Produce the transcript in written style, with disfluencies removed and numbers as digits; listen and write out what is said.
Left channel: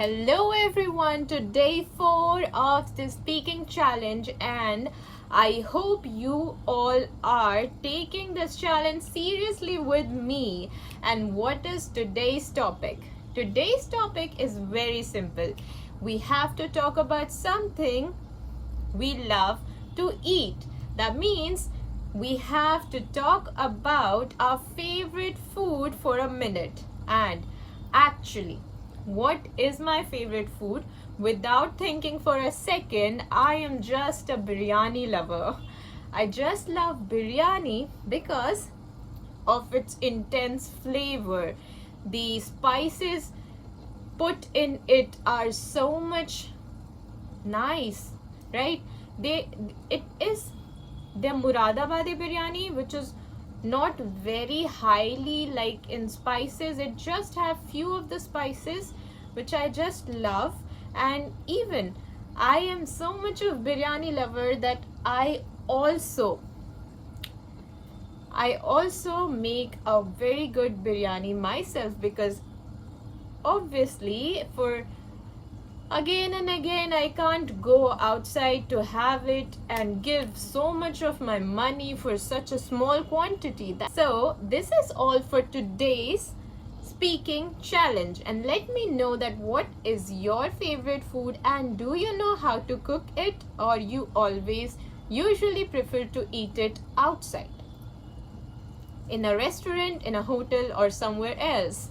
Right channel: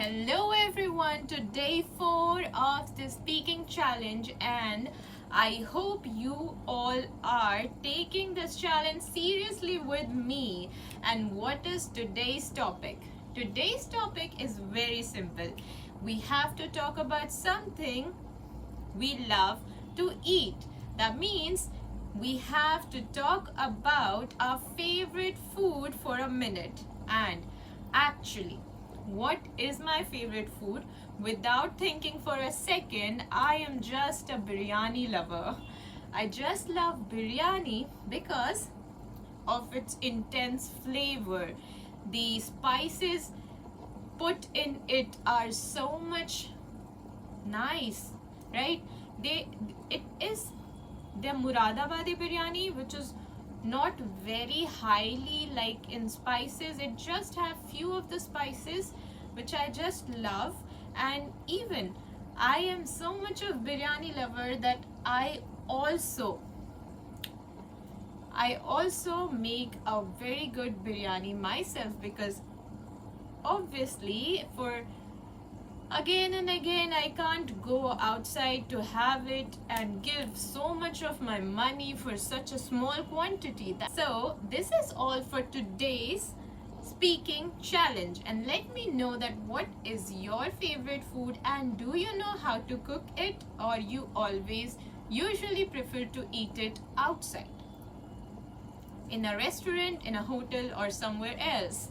Hello everyone to day 4 of the speaking challenge, and I hope you all are taking this challenge seriously with me. And what is today's topic? Today's topic is very simple. We have to talk about something we love to eat. That means we have to talk about our favorite food for a minute. And actually, what is my favorite food? Without thinking for a second, I am just a biryani lover. I just love biryani because of its intense flavor. The spices put in it are so much nice, right? It is the Muradabadi biryani, which is not very highly like in spices. It just have few of the spices which I just love. And even I am so much of biryani lover that I also make a very good biryani myself, because obviously for again and again I can't go outside to have it and give so much of my money for such a small quantity. So this is all for today's speaking challenge, and let me know that what is your favorite food, and do you know how to cook it, or you always usually prefer to eat it outside in a restaurant, in a hotel, or somewhere else.